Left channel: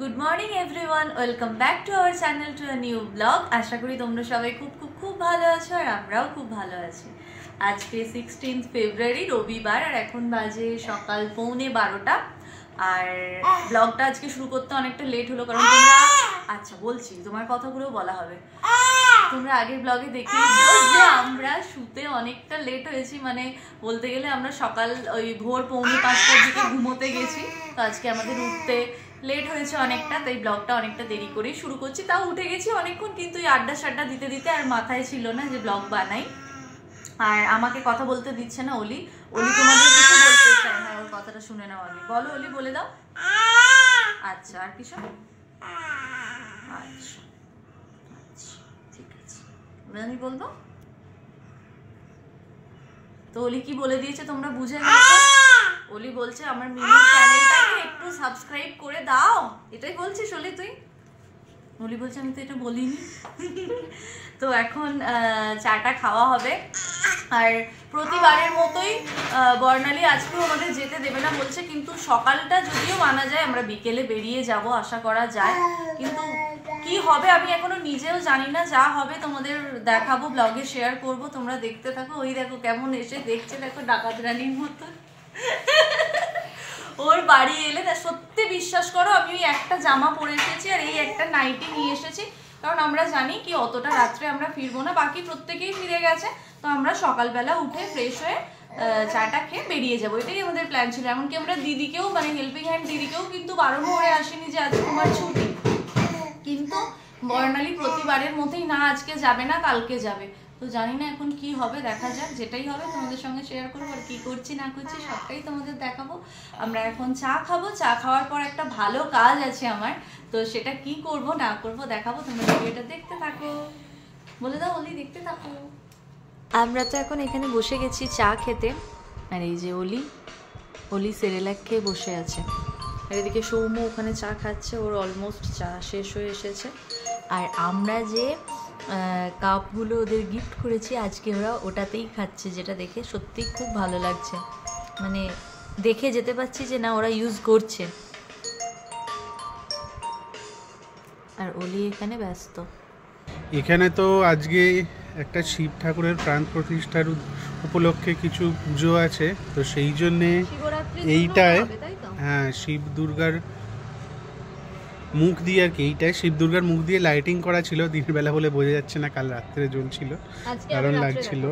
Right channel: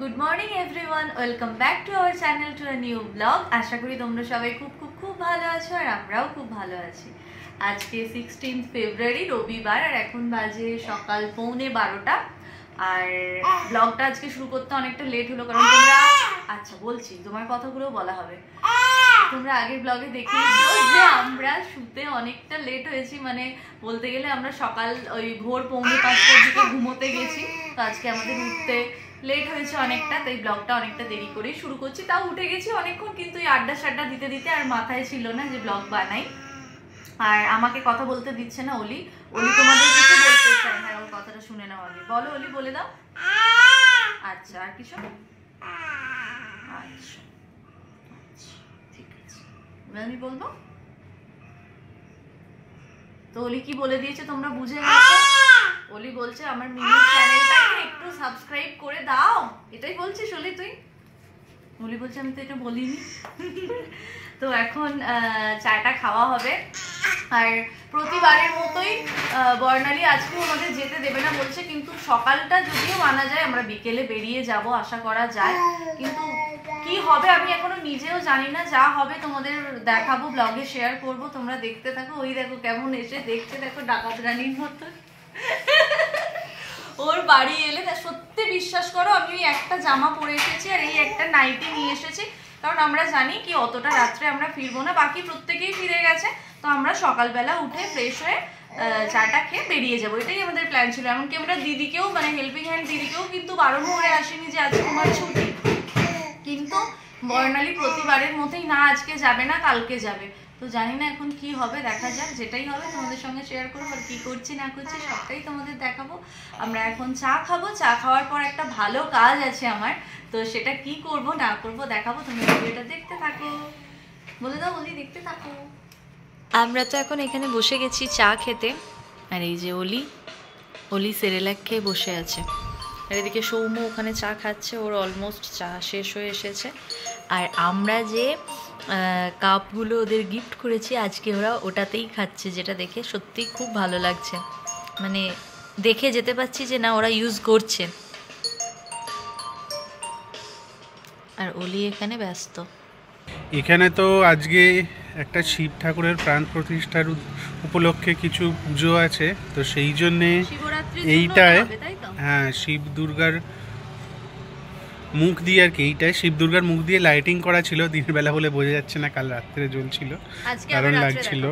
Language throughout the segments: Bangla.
Good morning everyone, welcome back to our channel to a new blog. আশা করি তোমরা সবাই খুব খুব খুব ভালো আছো আর আমরাও খুব ভালো আছি। আজকে 16 ফেব্রুয়ারি রবিবার আর এখন বাজে সকাল 11:15 আর ব্লগটা আজকে শুরু করতে অনেকটা লেট হলো কারণ তোমরা আচ্ছা বলছি তোমার কথাগুলো বলা হবে। তোমরা আগের ব্লগে দেখেইছো যে আমরা শুতে অনেকটা লেট হয়েছি, মানে বলতে গেলে আমরা সকাল ওই ভোর 4:45টার দিকে ঘুমোতে গেছি। তো আজকে আমাদের উঠতে লেট হয়েছে অনেকটা, তাই ব্লগটা অনেকটা দেরি করেই শুরু করছি। তাও উঠে গেছি অনেকক্ষণ, কিন্তু এই আড্ডা সাড্ডা দিতে দিতে আর মাথায় ছিল না যে ব্লগ বানাই। আর আমাকে কথা বলতে দিচ্ছে না অলি। অলি তোমাদের কিছু বলতে চাই, হ্যাঁ ওর কথাটা শুনে নাও অলি। বলো অলি, বলে দাও। আচ্ছা আর কিছু? আচ্ছা আচ্ছা ঠিক আছে, আমি বলবো তো। অলি কি বলে দিয়েছে তোমরা বুঝে নিয়েছো? অলি বলছে আমার মিনি চ্যানেলটাকে একটু সাবস্ক্রাইব করে দাও, এটাই বলছিস অলি তুই? অলি বলছে আমি তো এটা বলিনি। তো এখন চাটা খাওয়া হবে আর প্রতিবারের মতোই বর্ণালী আজকেও আমাদের যেতে দেবে না বলছে, কিন্তু সকালটা যদিও মানা যায় আমরা বিকেলে বেরিয়ে যাব আশা করা যায়, কিন্তু কি হবে আমি এখনো নিজেও জানি না। যা হবে তোমাদের দেখাবো, ব্লগে শেয়ার করব, তোমরা দেখতে থাকো। ওই দেখো কেমন এসে দেখছে, দেখো ডাকাত রানীর মতো। ওর বাড়ি এলে সত্যি বিশ্বাস করো আমি ওই একটা জামা পরে এসেছি আর এই একটা নাইটি নিয়ে এসেছি, কারণ আমরা জানি কি অতটা রাত্রে আমরা ফিরবো না, বাকি প্রত্যেকেই ফিরে গেছে। তো আমরা সকালবেলা উঠে ফ্রেশ হয়ে চাটা খেয়ে বেরিয়ে যাবো, এটাই আমাদের প্ল্যান ছিল। এমনকি আমরা দিদিকেও, মানে হেল্পিং হ্যান্ড দিদিকেও কিন্তু বারণ করে আসেনি যে আজকে তোমার ছুটি, কিন্তু বর্ণালী প্রতিবারের মতোই না আজকে যাবে না কালকে যাবে। তো জানি না এখন কি হবে, দেখা যাক, যেটাই হবে তোমাদের সঙ্গে শেয়ার করবো। আর কি করছি না করছি সবটাই তোমাদের দেখাবো। আমরা এখন চা খাবো, চা খাওয়ার পর একটা ভালো কাজ আছে আমার, তো সেটা কি করব না করব দেখাবো। তোমরা ভিডিওটা দেখতে থাকো। বলে দাও অলি, দেখতে থাকো। আমরা তো এখন এখানে বসে গেছি চা খেতে, আর এই যে অলি সেরেলাক খেয়ে বসে আছে, আর এদিকে সৌম্য ওখানে চা খাচ্ছে, ওর অলমোস্ট চা শেষ হয়ে এসেছে। আর আমরা যে কাপগুলো ওদের গিফট করেছি আজকে ওরা ওটাতেই খাচ্ছে, যেটা দেখে সত্যিই খুব ভালো লাগছে, মানে দেখে যেতে পারছি যে না ওরা ইউজ করছে। আর অলি এখানে ব্যস্ত। এখানে তো আজকে একটা শিব ঠাকুরের প্রাণ প্রতিষ্ঠার উপলক্ষে কিছু পুজো আছে, তো সেই জন্যে এইটায় হ্যাঁ শিব দুর্গার মুখ দিয়ে আর কি, এইটায় শিব দুর্গার মুখ দিয়ে লাইটিং করা ছিল। দিনের বেলা বলে বোঝা যাচ্ছে না, কাল রাত্রে জ্বলছিল, দারুণ লাগছিল।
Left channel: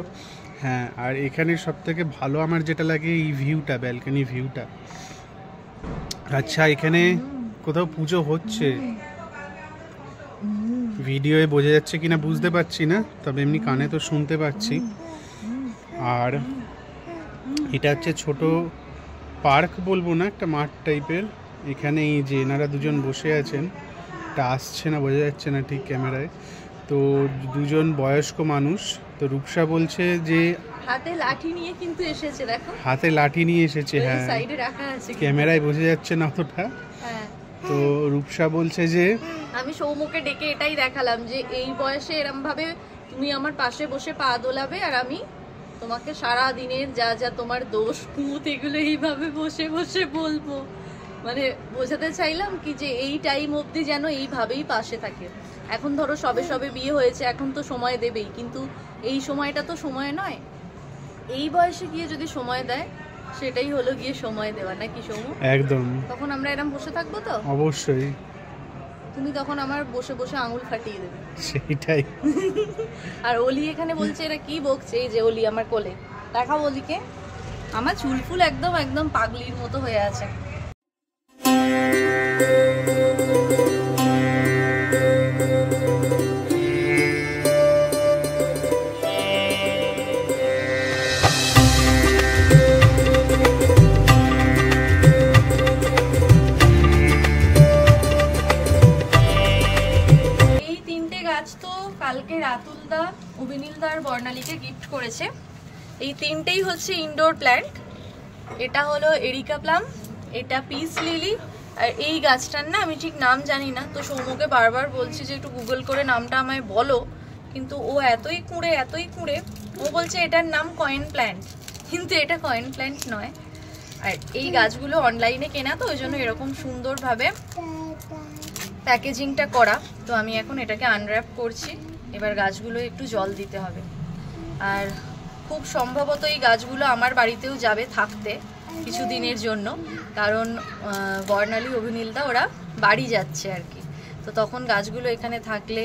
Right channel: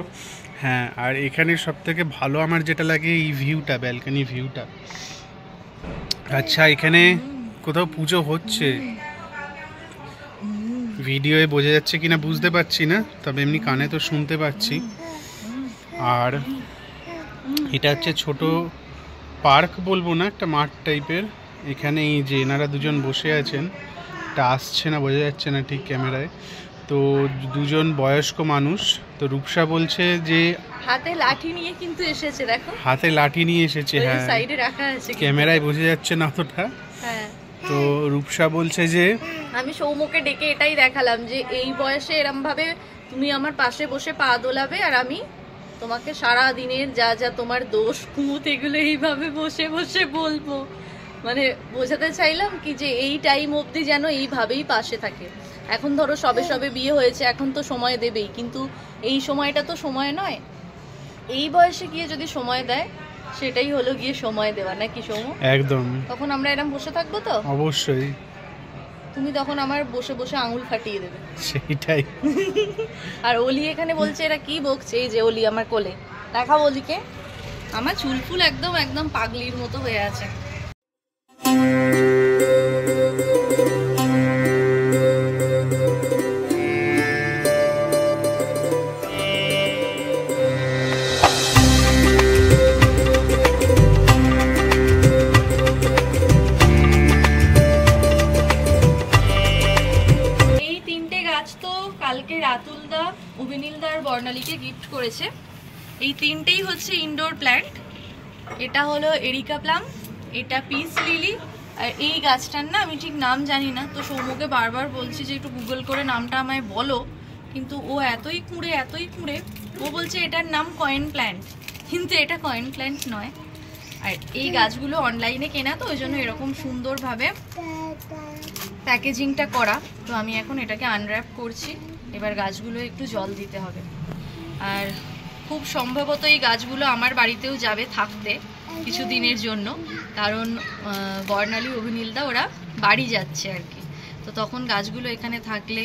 হ্যাঁ, আর এখানে সব থেকে ভালো আমার যেটা লাগে এই ভিউটা, ব্যালকনি ভিউটা। আচ্ছা এখানে কোথাও পুজো হচ্ছে, ভিডিওয়ে বোঝা যাচ্ছে কিনা বুঝতে পারছি না, তবে এমনি কানে তো শুনতে পাচ্ছি। আর এটা হচ্ছে ছোট পার্ক বলবো না, একটা মাঠ টাইপের। এখানে এই যে এনারা দুজন বসে আছেন, এটা আসছে না, বোঝা যাচ্ছে না ঠিক ক্যামেরায়। তো দুজন বয়স্ক মানুষ। তো রূপসা বলছে যে হাতে লাঠি নিয়ে কিন্তু এসেছে, দেখো হাতে লাঠি নিয়ে এসেছে, হ্যাঁ সাইডে রাখা আছে, ক্যামেরায় বোঝা যাচ্ছে না অতটা। হ্যাঁ, তো রূপসা বলছে যে আমি সৌম্যকে ডেকে এটাই দেখালাম যে এই বয়সে এরম ভাবে তুমি আমার পাশে বসে পা দোলাবে আর আমি তোমাকে সারা দিনের যা যা তোমার দোষ কুমুত এগুলো এইভাবে বসে বসে বলবো। মানে বোঝাতে চাইলাম কি যে এই টাইম অবধি যেন এইভাবেই পাশে থাকে। এখন ধরো সবে সবে বিয়ে হয়েছে, এখন তো সময় দেবেই, কিন্তু এই সময়টা তো সময় নয়। এই বয়সে গিয়ে যদি সময় দেয় সেটাই হলো গিয়ে সময় দেওয়া, নাকি সৌম্য? একদম। তখন আমরা এরম বসে থাকবো তো অবশ্যই, তুমি তখন আমার বসে বসে আঙুল ফাটিয়ে দেবে, সেইটাই। আর অলি এখানে বলছে এরা কি বকছে, এই যে অলি আমার কোলে, দেখা অলিকে, আমার চুল ফুল একদম একদম পাগলির মতো হয়ে আছে। কালকে রাতুলদা, অভিনীলদা আর বর্ণালীকে গিফট করেছে। এই তিনটেই হচ্ছে ইনডোর প্ল্যান্ট। এটা হলো এরিকা প্লাম, এটা পিস লিলি, আর এই গাছটার না আমি ঠিক নাম জানি না। তো সৌম্যকে বারবার বলছি যে একটু গুগল করে নামটা আমায় বলো, কিন্তু ও এতই কুঁড়ে ও বলছে এটার নাম কয়েন প্ল্যান্ট, কিন্তু এটা কয়েন প্ল্যান্ট নয়। আর এই গাছগুলো অনলাইনে কেনা, তো ওই জন্য এরকম সুন্দরভাবে প্যাকেজিংটা করা। তো আমি এখন এটাকে আনর্যাপ করছি। এবার গাছগুলো একটু জল দিতে হবে। আর খুব সম্ভবত এই গাছগুলো আমার বাড়িতেও যাবে থাকতে কিছু দিনের জন্য, কারণ বর্ণালী অভিনীলদা ওরা বাড়ি যাচ্ছে আর কি। তো তখন গাছগুলো এখানে থাকলে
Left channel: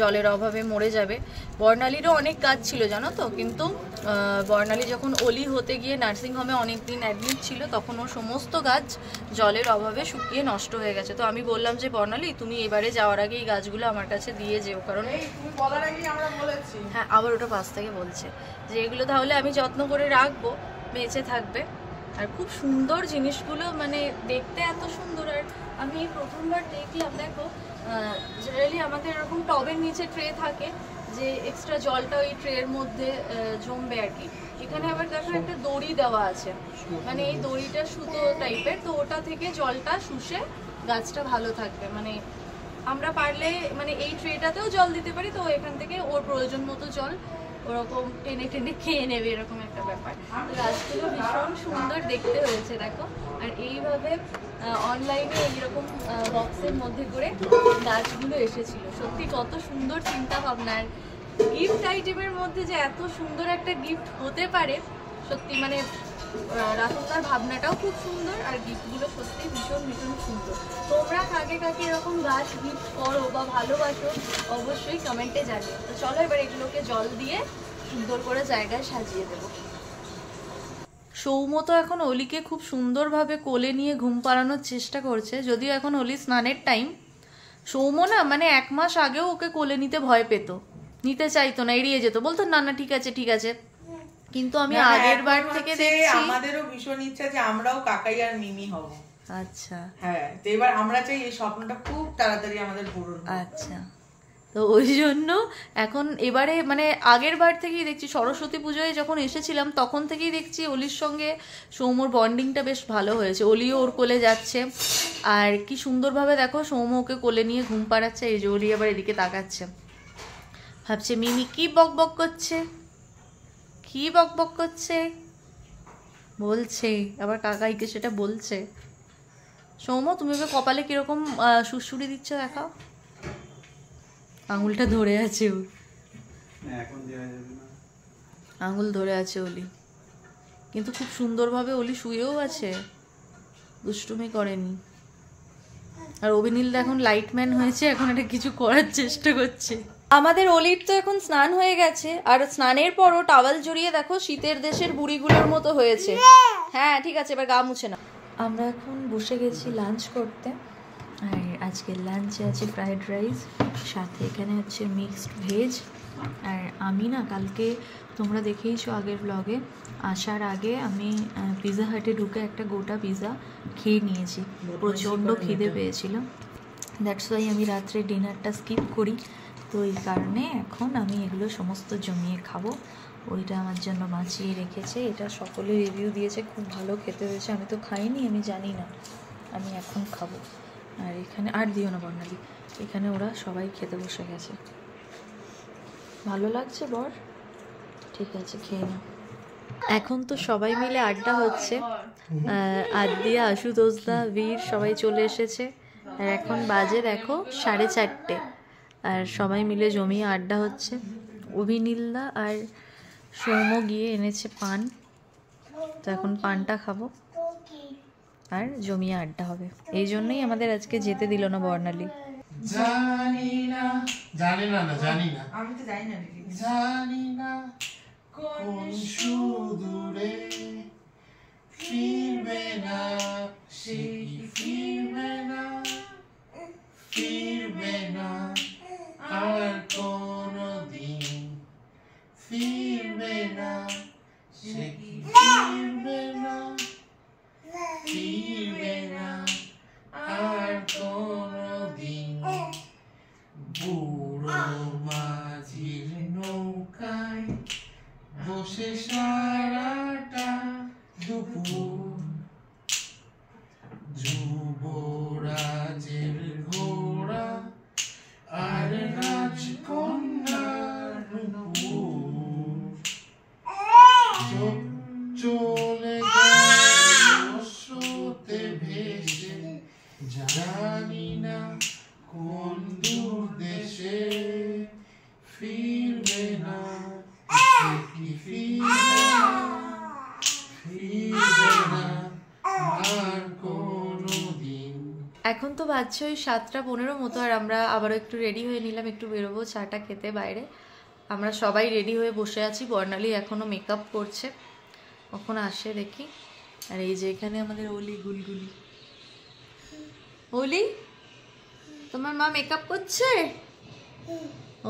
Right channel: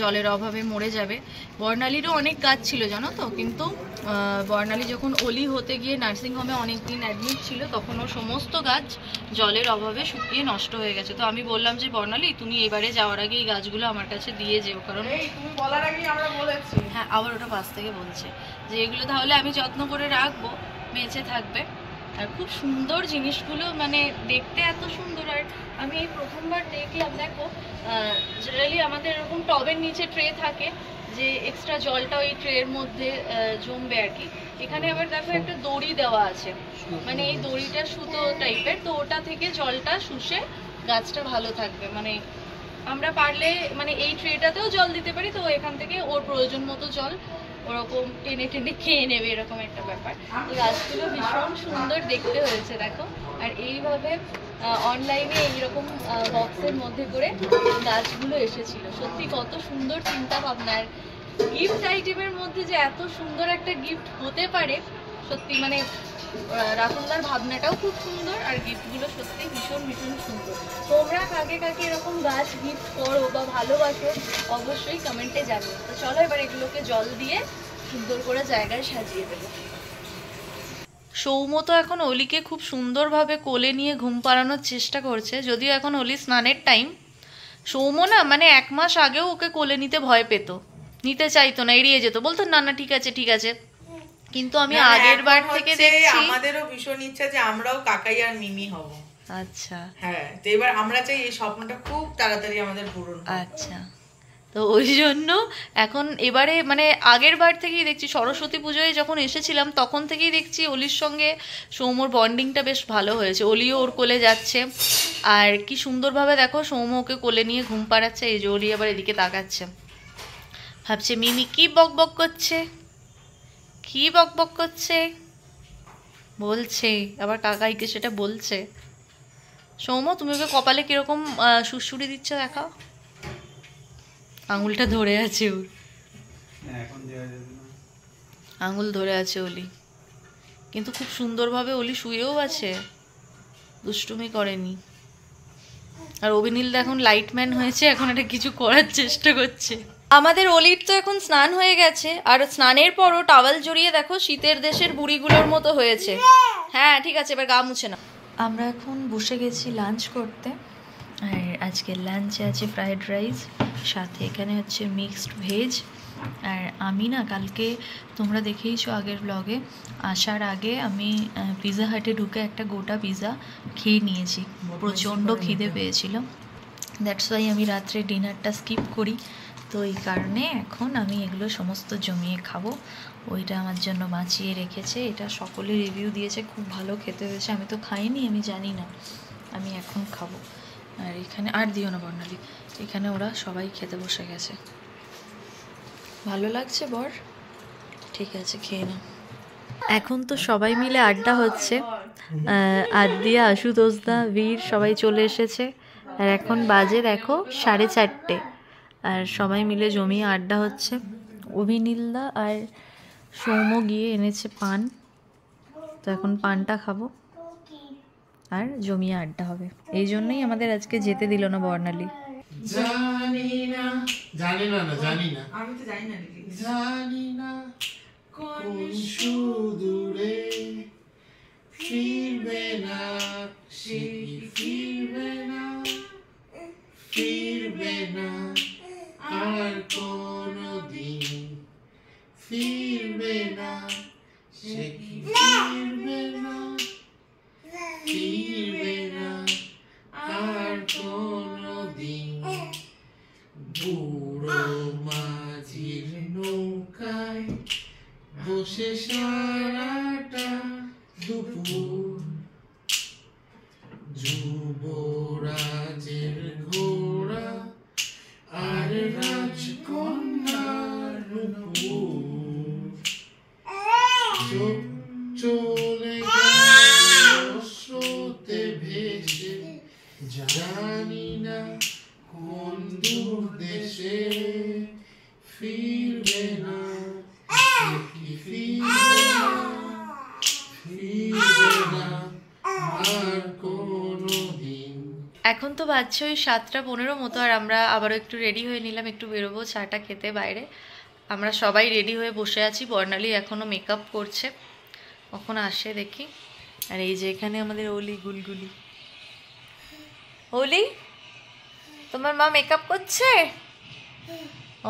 জলের অভাবে মরে যাবে। বর্ণালীরও অনেক গাছ ছিল জানো তো, কিন্তু বর্ণালী যখন অলি হতে গিয়ে নার্সিংহোমে অনেক দিন অ্যাডমিট ছিল, তখন ওর সমস্ত গাছ জলের অভাবে শুকিয়ে নষ্ট হয়ে গেছে। তো আমি বললাম যে বর্ণালী তুমি এবারে যাওয়ার আগে এই গাছগুলো আমার কাছে দিয়ে যেও, কারণ হ্যাঁ আবার ওটা পাশ থেকে বলছে যে এগুলো তাহলে আমি যত্ন করে রাখবো, বেঁচে থাকবে। আর খুব সুন্দর জিনিসগুলো, মানে দেখতে এত সুন্দর। আর আমি এই প্রথমবার দেখলাম, দেখো জেনারেলি আমাদের এরকম টবের নিচে ট্রে থাকে যে এক্সট্রা জলটা ওই ট্রের মধ্যে জমবে আর কি। এখানে আবার দেখো একটা দড়ি দেওয়া আছে, মানে এই দড়িটা সুতো টাইপের, তো ওটা থেকে জলটা শুষে গাছটা ভালো থাকবে। মানে আমরা পারলে মানে এই ট্রেটাতেও জল দিতে পারি, তো এখান থেকে ওর প্রয়োজন মতো জল ওরকম টেনে টেনে খেয়ে নেবে, এরকম একটা ব্যাপার। গাছগুলো ভীষণ সুন্দর দেখতে হয়েছে দেখো। আর এইভাবে অনলাইনে এইরকম বক্সের মধ্যে করে গাছগুলো এসেছিল। সত্যি কত সুন্দর চিন্তা ভাবনার। গিফট আইটেমের মধ্যে যে এত সুন্দর একটা গিফট হতে পারে, সত্যি মানে রাহুলদার ভাবনাটাও খুব সুন্দর, আর গিফটগুলো সত্যি ভীষণ ভীষণ সুন্দর। তোমরা কাকে কাকে এরকম গাছ গিফট করো বা ভালোবাসো অবশ্যই কমেন্টে জানিও। তো চলো এবার এগুলোকে জল দিয়ে সুন্দর করে জায়গায় সাজিয়ে দেবো। সৌম তো এখন অলিকে খুব সুন্দরভাবে কোলে নিয়ে ঘুম পাড়ানোর চেষ্টা করছে, যদিও এখন অলি স্নানের টাইম। সৌম না মানে 1 মাস আগেও ওকে কোলে নিতে ভয় পেত, নিতে চাইতো না, এড়িয়ে যেত, বলতো না না ঠিক আছে ঠিক আছে। কিন্তু আমি আগের বার থেকে দেখছি আমাদেরও ভীষণ ইচ্ছা যে আমরাও কাকাই আর মিমি হব। আচ্ছা হ্যাঁ, তো এবার আমরা চাই এই স্বপ্নটা খুব তাড়াতাড়ি আমাদের পূরণ হোক। আচ্ছা, তো ওই জন্য এখন এবারে মানে আগের বার থেকেই দেখছি, সরস্বতী পুজোয় যখন এসেছিলাম তখন থেকেই দেখছি অলির সঙ্গে সৌম্যর বন্ডিংটা বেশ ভালো হয়েছে। অলিও ওর কোলে যাচ্ছে, আর কি সুন্দরভাবে দেখো সৌম্য ওকে কোলে নিয়ে ঘুম পাড়াচ্ছে। এই যে অলি আবার এদিকে তাকাচ্ছে, ভাবছে মিমি কি বক বক করছে, কি বক বক করছে বলছে, আবার কাকাইকে সেটা বলছে। সৌম্য তুমি ওকে কপালে কিরকম সুড়সুড়ি দিচ্ছ দেখাও। আঙুলটা ধরে আছে ওর, আঙুল ধরে আছে অলি, কিন্তু খুব সুন্দরভাবে অলি শুয়েও আছে, দুষ্টুমি করেনি। আর অভিনীল এখন লাইটম্যান হয়েছে, এখন এটা কিছু করার চেষ্টা করছে। আমাদের অলির তো এখন স্নান হয়ে গেছে, আর স্নানের পরও টাওয়াল জড়িয়ে দেখো শীতের দেশের বুড়িগুলোর মতো হয়েছে। হ্যাঁ ঠিক আছে, এবার গা মুছে না। আমরা এখন বসে গেছি লাঞ্চ করতে, আর আজকের লাঞ্চে আছে ফ্রাইড রাইস, সাথে এখানে হচ্ছে মিক্সড ভেজ। আর আমি না কালকে তোমরা দেখেইছো আগের ব্লগে, আসার আগে আমি পিৎজা হাটে ঢুকে একটা গোটা পিৎজা খেয়ে নিয়েছি, প্রচণ্ড খিদে পেয়েছিল। দ্যাটস ওয়াই আমি রাত্রে ডিনারটা স্কিপ করি। তো এই কারণে এখন আমি এগুলো সমস্ত জমিয়ে খাবো। ওইটা আমার জন্য বাঁচিয়ে রেখেছে, এটা সকলে রিভিউ দিয়েছে খুব ভালো খেতে হয়েছে। আমি তো খাইনি, আমি জানি না, আমি এখন খাবো। আর এখানে আর দিও না বর্ণালী, এখানে ওরা সবাই খেতে বসে গেছে। ভালো লাগছে বর? ঠিক আছে খেয়ে নাও। এখন তো সবাই মিলে আড্ডা হচ্ছে, আদিয়া, আশুতোষদা, বীর সবাই চলে এসেছে। আর এখন বাজে দেখো 4:30, আর সবাই মিলে জমিয়ে আড্ডা হচ্ছে। অভিনীলদা আর সৌম্য গিয়ে এনেছে পান, তো এখন পানটা খাবো আর জমিয়ে আড্ডা হবে। এই জন্যই আমাদের আজকে যেতে দিল না বর্ণালী। জানি না জানি না না জানি না, আমি তো জানি না, জানি না কোন সুদূরে ফিরবে না, সেই ফিরবে না, ফিরবে না আর কোনদিন, ফিরবে না, সে ফিরবে না, ফিরবে না আর কোনদিন। বুড়ো মাঝির নৌকায় বসে সারাটা দুপুর, যুবরাজের ঘোড়া বাজছে ওই 7:15 মতো, আর আমরা আবারও একটু রেডি হয়ে নিলাম, একটু বেরোবো চাটা খেতে বাইরে। আমরা সবাই রেডি হয়ে বসে আছি, বর্ণালী এখনও মেকআপ করছে, কখন আসে দেখি। আর এই যে এখানে আমাদের ওলি গুলগুলি। ওলি, তোমার মা মেকআপ করছে?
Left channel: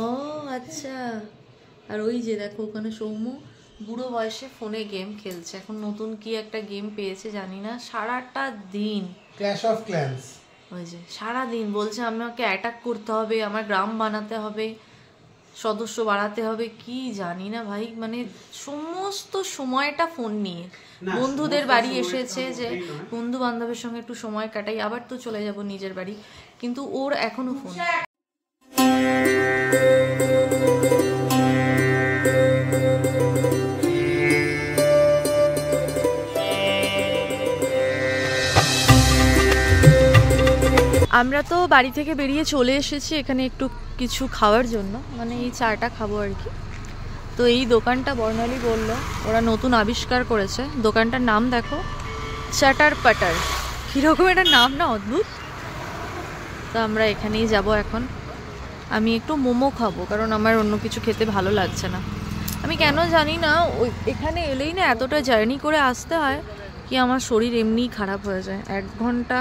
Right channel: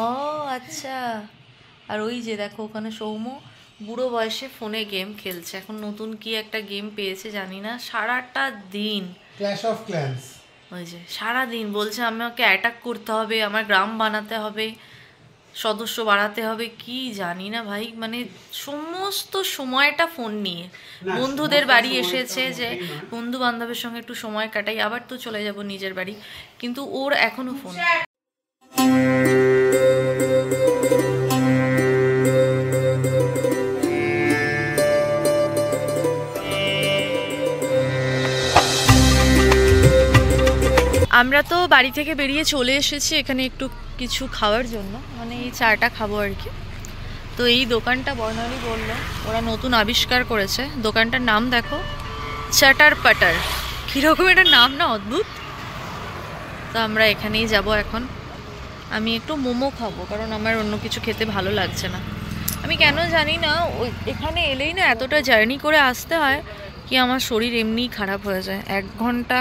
ও আচ্ছা। আর ওই যে দেখো ওখানে সৌম্য বুড়ো বয়সে ফোনে গেম খেলছে, এখন নতুন কি একটা গেম পেয়েছে জানি না, সারাটা দিন ক্ল্যাশ অফ ক্ল্যান্স। ওই যে সারাদিন বলছে আমাকে অ্যাটাক করতে হবে, আমার গ্রাম বানাতে হবে, সদস্য বাড়াতে হবে, কি জানি না ভাই, মানে সমস্ত সময়টা ফোন নিয়ে। বন্ধুদের বাড়ি এসেছে যে বন্ধু বান্ধবের সঙ্গে একটু সময় কাটাই, আবার তো চলে যাব নিজের বাড়ি, কিন্তু ওর এখনো ফোন। আমরা তো বাড়ি থেকে বেরিয়ে চলে এসেছি এখানে একটু কিছু খাওয়ার জন্য, মানে এই চাটা খাবো আর কি। তো এই দোকানটা বর্ণালী বললো ওরা নতুন আবিষ্কার করেছে, দোকানটার নাম দেখো, চাটার পাটার, কীরকম একটা নাম না, অদ্ভুত। তো আমরা এখানেই যাব এখন। আমি একটু মোমো খাবো, কারণ আমার অন্য কিছু খেতে ভালো লাগছে না। আমি কেন জানি না ওই এখানে এলেই না এতটা জার্নি করে আসতে হয় কি আমার শরীর এমনিই খারাপ হয়ে যায় 1 ঘন্টা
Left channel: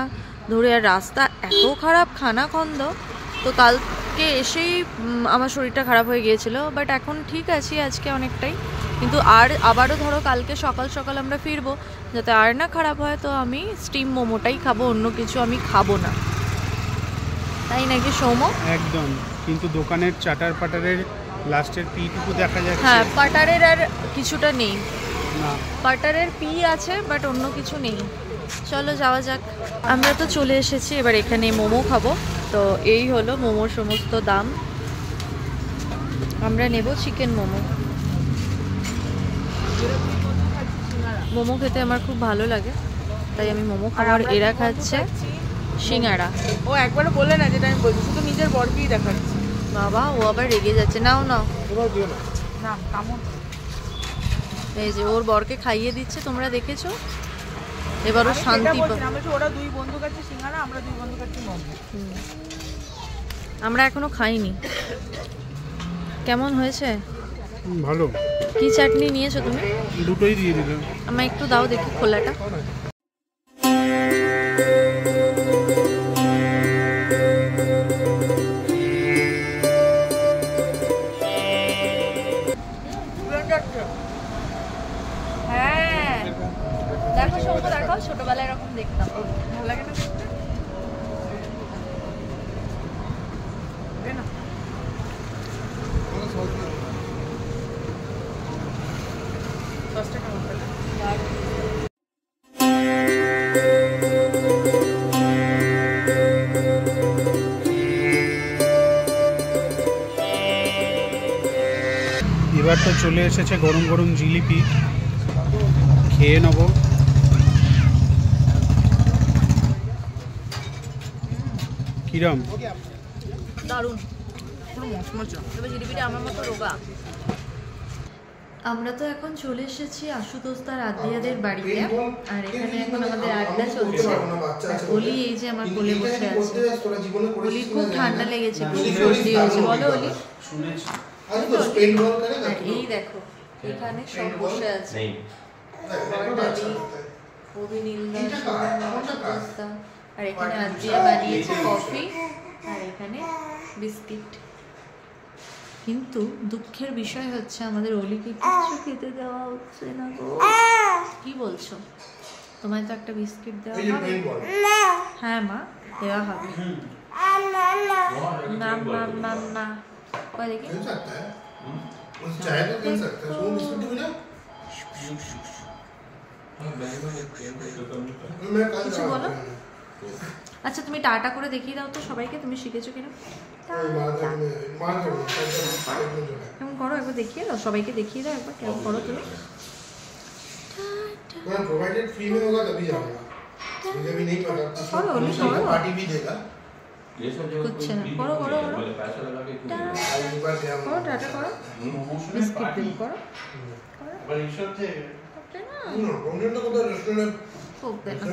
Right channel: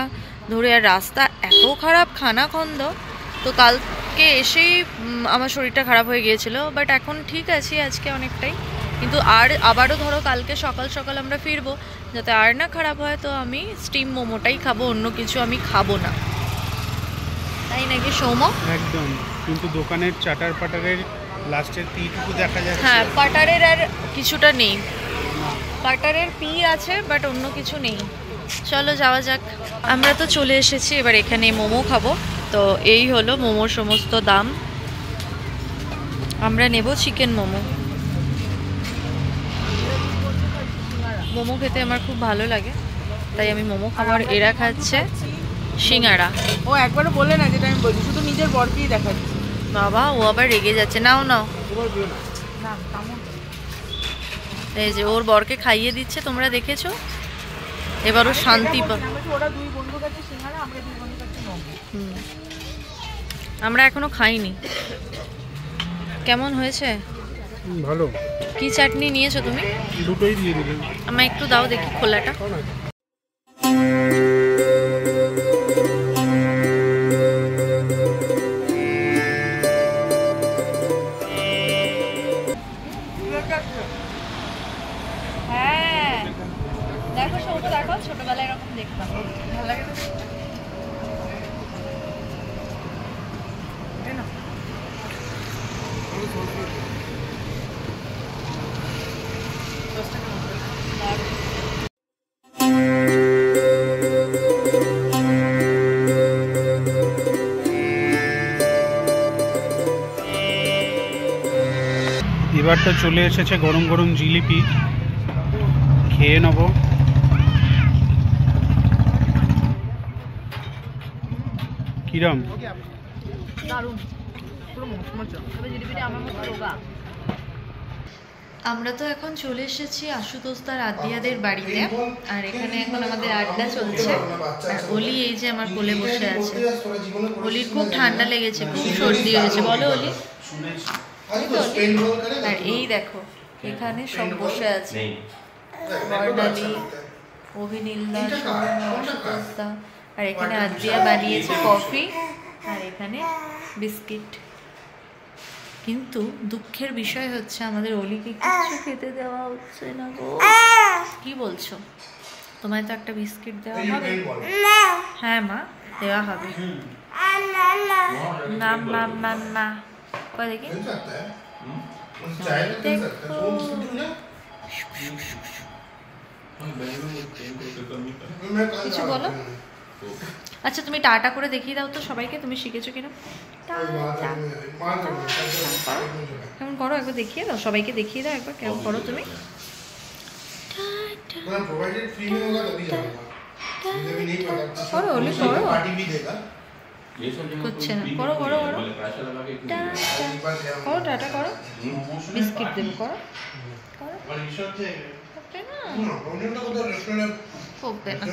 ধরে, আর রাস্তা এত খারাপ খানাখন্দ। তো কালকে এসেই আমার শরীরটা খারাপ হয়ে গিয়েছিল, বাট এখন ঠিক আছি আজকে অনেকটাই। কিন্তু আবারও ধরো কালকে সকাল সকাল আমরা ফিরবো, যাতে আর না খারাপ হয়, তো আমি স্টিম মোমোটাই খাবো, অন্য কিছু আমি খাবো না, তাই নাকি সৌম্য? একদম। কিন্তু দোকানের চাটার পাটারের লাস্টের পিটুকু দেখা যাচ্ছে। হ্যাঁ, পাটারের আর কিছুটা নেই, পাটারের পি আছে বাট অন্য কিছু নেই। চলো যাওয়া যাক। আমরা তো চলে এসেছি, এবার এখানে মোমো খাবো। তো এই হলো মোমোর সমস্ত দাম। আমরা নেব চিকেন মোমো। মোমো খেতে আমার খুব ভালো লাগে, তাই আমি মোমো খাবার। এরা খাচ্ছে সিঙ্গাড়া। ও একবারও বলে না যেটা আমি বলি, শুধু নিজের বরকেই দেখাচ্ছি। বাবা, ও আবার রেগে যাচ্ছে। নাও নাও, না কেমন এই যে ওর বরকে খাইয়ে দিচ্ছে, তোমরা দেখেছো। এবারও শান্তি পা। ওরা 2 বন্ধু কাছে সিঙ্গারা, আমরা 2 বন্ধু কাছে মোমো। আমরা এখনো খাইনি। কেমন হয়েছে? ভালো। কি চাটনি নিয়েছো তুমি? দুটোই দিয়ে দিলাম। আমায় একটু দাও দেখি খোলাটা। হ্যাঁ দেখো সৌম্য, দেখো ছোটবেলায় এরকম দেখতাম, ভালো লাগে না? এবার তো চলে এসেছে গরম গরম জিলিপি, খেয়ে নেবো। কিরম? দারুণ। তবে জিলিপিটা আমার মতো রোগা। আমরা তো এখন চলে এসেছি আশুতোষ তার আদিয়াদের বাড়িতে, আর এখানে এখন আমাদের আড্ডা চলছে। আর অলি এই যে আমার কোলে বসে আছে। অলির খুব ঠান্ডা লেগেছে, খুব সর্দি হয়েছে, বলো অলি। আর এই দেখো এখানে সব বসে আছে, বর্ণালী, অভিনীলদা, আশুতোষদা, আর এখানে আদিয়া বানিয়েছে কফি, আর এখানে বিস্কিট। কিন্তু দুঃখের বিষয় হচ্ছে আমাদের অলিকে কিছু খেতে দেওয়া হচ্ছে না গো। কি বলছো? তোমায় তো একটা বিস্কিট দেওয়া হবে। হ্যাঁ মা, দেওয়া হবে। না মা মা মা, কয় দেখি কিছু বলো। আচ্ছা তুমি টাটা করে দেখিয়ে দাও তো সবাইকে, তুমি শিখেছো কিনা। কেমন করো একবার দেখিয়ে দাও, সবাইকে দেখিয়ে দাও একবার কেমন করো তুমি। করো অলি, করো। করছে না, করো করো করো, করো টাটা করো, বিস্কিট দেবো, করো করো। কমবে না।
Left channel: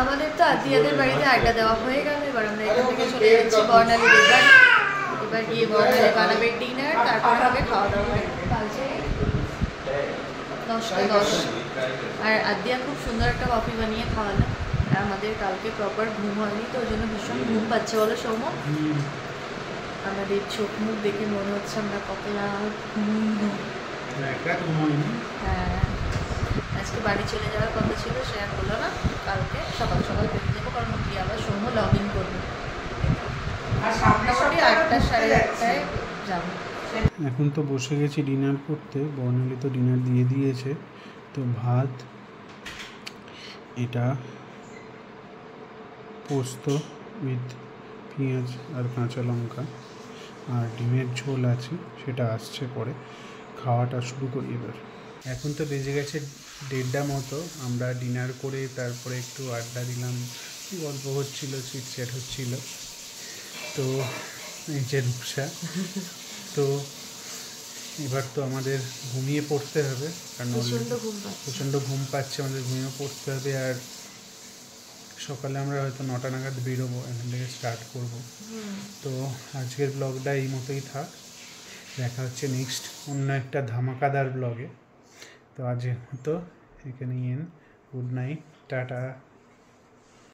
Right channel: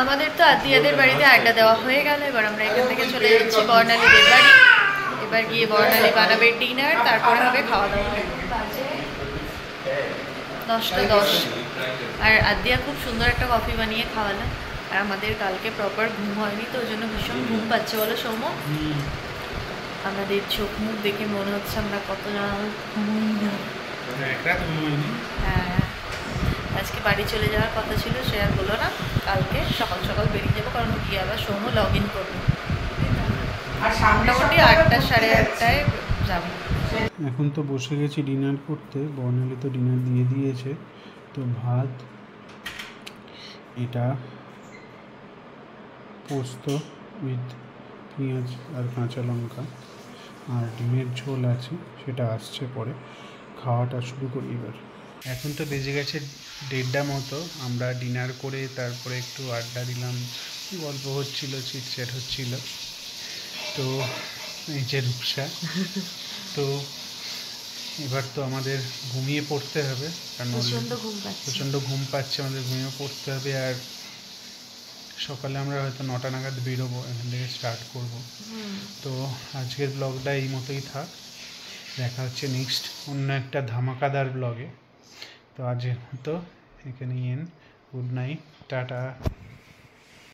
আমাদের তো আদিয়াদের বাড়িতে আড্ডা দেওয়া হয়ে গেল, এবার আমরা এখান থেকে চলে যাচ্ছি বর্ণালীদের বাড়ি। এবার গিয়ে বর্ণালী বানাবে ডিনার, তারপরে হবে খাওয়া দাওয়া। বাজে 10:10 আর আদিয়া খুব সুন্দর একটা কফি বানিয়ে খাওয়ালো। আর আমাদের কালকে প্রপার ঘুম হয়নি, তো ওই জন্য ভীষণ ঘুম পাচ্ছে বলো সৌম্য। আমাদের চোখ মুখ দেখে মনে হচ্ছে আমরা কতটা ঘুমোই না। হ্যাঁ, আজকে বাড়ি চলে যাওয়ার কথা ছিল, সে আর হলো না। কালকে সকাল সকাল বেরিয়ে যাবো, কারণ গিয়ে আবার সৌম্য লগ ইন করবো। মোটামুটি 8টা সাড়ে 8টায় যাবো। এখন তো বসে গেছি ডিনার করতে। বর্ণালী তো ডিনার দিয়ে দিয়েছে। তো ভাত, এটা পোস্ত উইথ পেঁয়াজ আর কাঁচা লঙ্কা, আর ডিমের ঝোল আছে, সেটা আসছে পরে। খাওয়াটা শুরু করি এবার। এখন তো বেজে গেছে 1:30 মতো। আমরা ডিনার করে তারপরে একটু আড্ডা দিলাম, গল্প হচ্ছিল, চিটচ্যাট হচ্ছিল। তো এই যে রূপসা, তো এবার তো আমাদের ঘুমিয়ে পড়তে হবে, কারণ প্রচণ্ড ঘুম পাচ্ছে, আমাদের ঘুমিয়ে পড়তে হবে। আর সকালে আমরা হয়তো 9টা নাগাদ বেরোবো, এখান থেকে স্টার্ট করব। তো আজকের ব্লগটা এই মতোই থাক, দেখা হচ্ছে নেক্সট অন্য একটা ধামাকাদার ব্লগে। তো আজকের মতো এখানেই এন্ড। Good night, tata.